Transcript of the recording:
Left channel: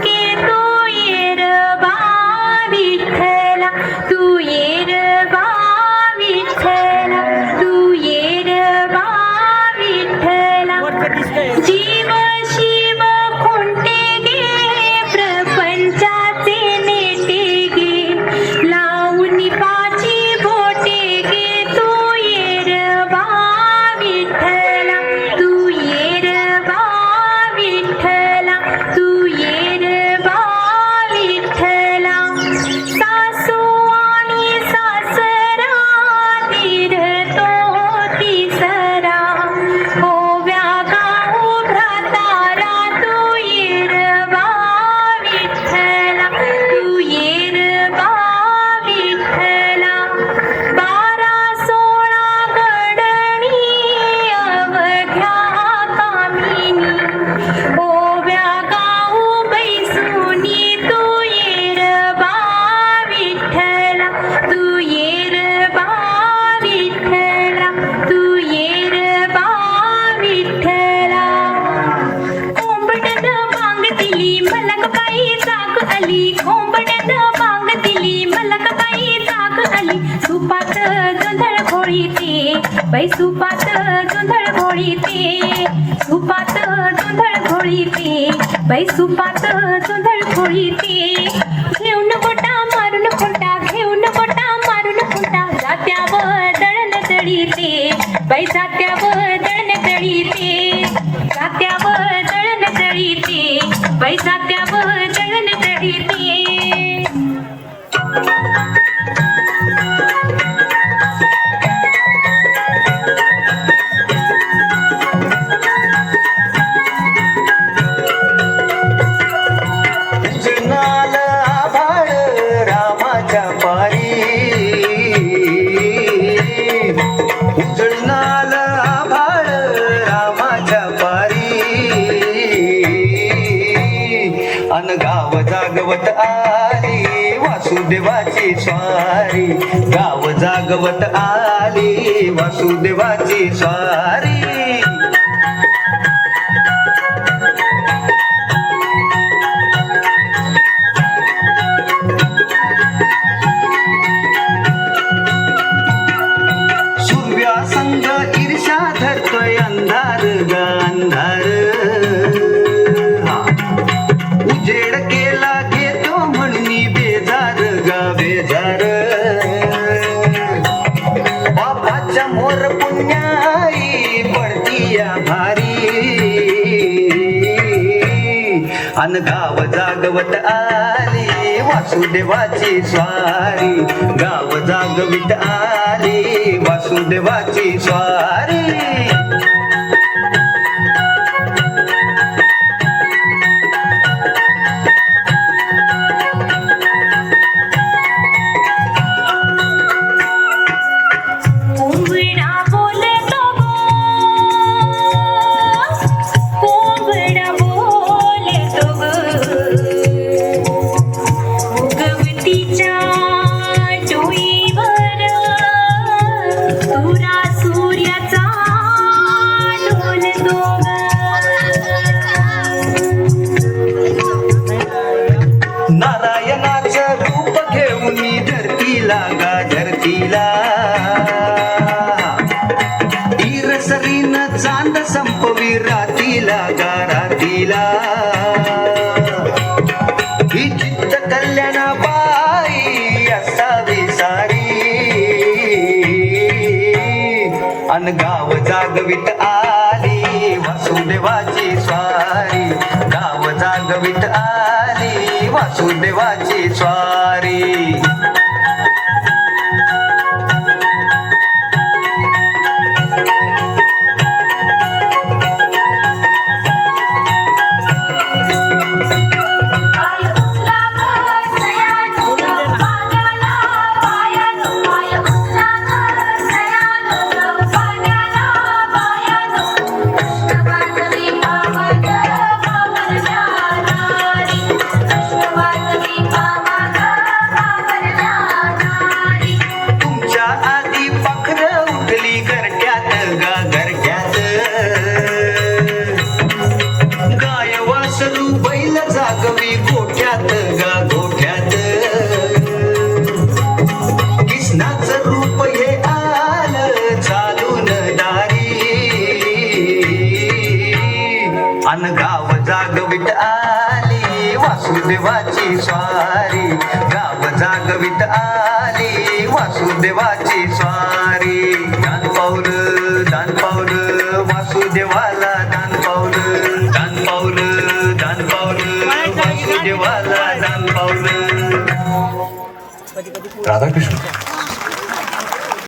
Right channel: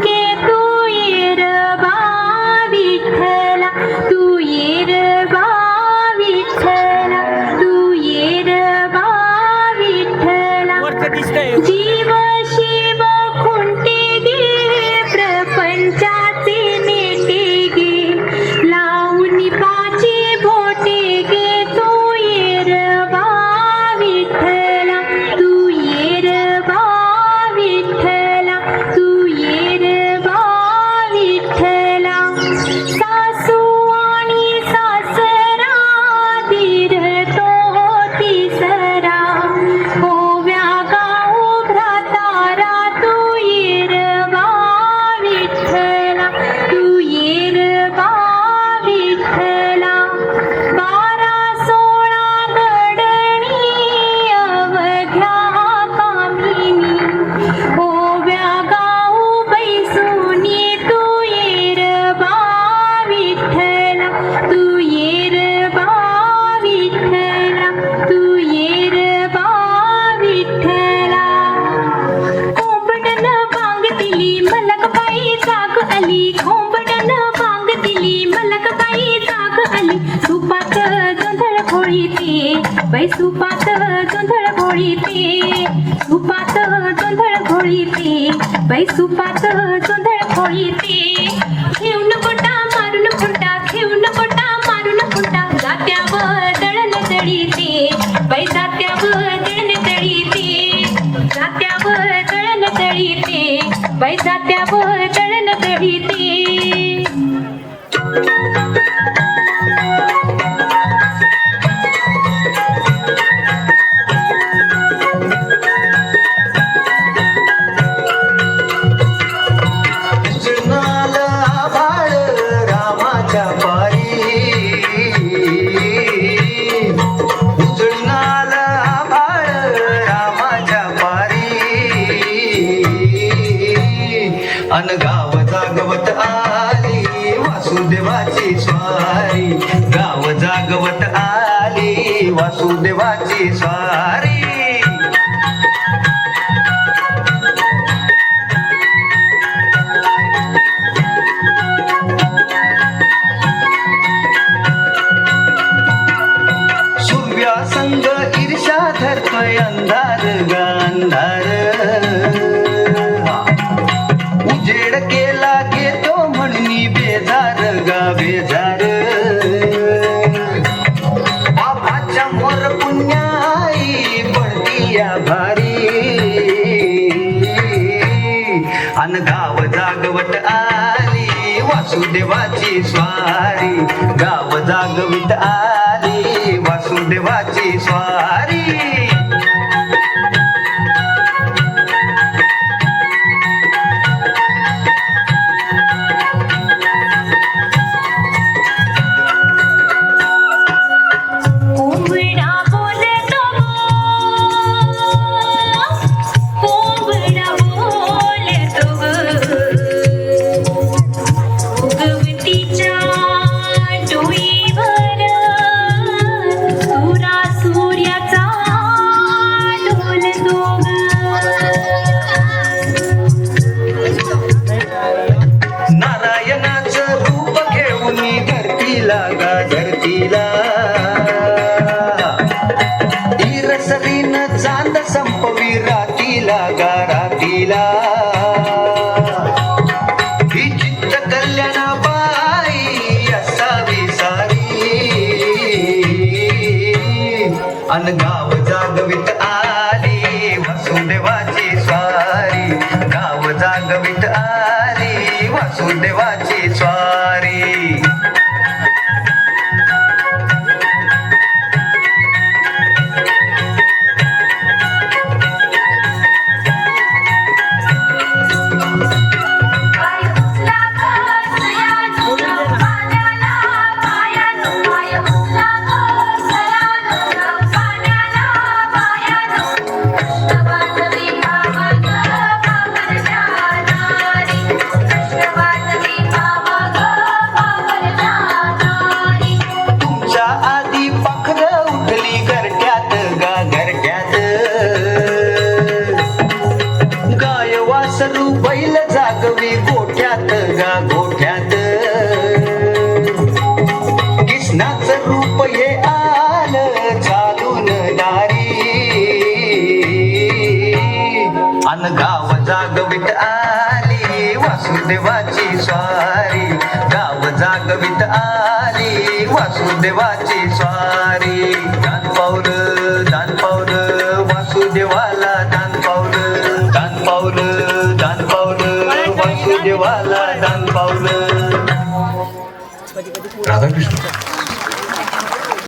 के तू ये रबा विठ्ठला, तू ये रबा विठ्ठला, तू ये रबा विठ्ठला. जीव शिव खुंटे गे प्रपंचाचे नेते गे, लावून पाची बोटे गे तू ये रबा विठ्ठला, तू ये रबा विठ्ठला, तू ये रबा विठ्ठला. सासू आणि सासरा तीरतो तिसरा, ओव्या गाऊ भ्रातारा तू ये रबा विठ्ठला, तू ये रबा विठ्ठला. 12-16 गडणी अवघ्या कामिनी, ओव्या गाऊ बैसुनी तू ये रबा विठ्ठला, तू ये रबा विठ्ठला, तू ये रबा विठ्ठला. कोंबड्यानं बांग दिली मलकबाई जाग आली, कोंबड्यानं बांग दिली मलकबाई जाग आली. सुपात गोंधळ घोळीते बाई, सुपात गोंधळ घोळीते, सुपात गोंधळ घोळीते बाई, सुपात गोंधळ घोळीते. घेऊन बोटा मारून फोटा, घेऊन बोटा मारून फोटा, जात्यावर दळण दळीते बाई, जात्यावर दळण दळीते, जात्यावर दळण दळीते बाई, जात्यावर दळण दळीते. उजळणाला आभाळ रामाच्या पारी, उजळणाला आभाळ रामाच्या पारी. अन गाव जागवत आली वासुदेवाची स्वारी, गाव जागवत आली वासुदेवाची स्वारी. सूर्यासंग ईर्ष्या धरतोय अंधार ग अंधार, उजेड केला घेतो म्हणून बेजार ग बेजार. बापाच्या मोर पुण्याई पडती या भारी, अन गाव जागवत आली वासुदेवाची स्वारी, गाव जागवित आली वासुदेवाची स्वारी. कोंबडा बोलतो कोंबडा बोलतो उगवतीच्या डोईवर तुरा सूर्याचा डोलतो. नारायणाचं रूप घेऊन धरतीला ग धरतीला, ईरसरीन चांद संपवी रातीला गा रातीला. ही चित्त कल्याणाबाई असावी सारी, अन गाव जागवित आली वासुदेवाची स्वारी, गाव जागवित आली वासुदेवाची स्वारी. वासुदेवाची स्वारी गाव जागवित आली वासुदेवाची स्वारी दान पावलं वासुदेवाला दान पावलं वासुदेवाला दान पावलं. राधाकृष्ण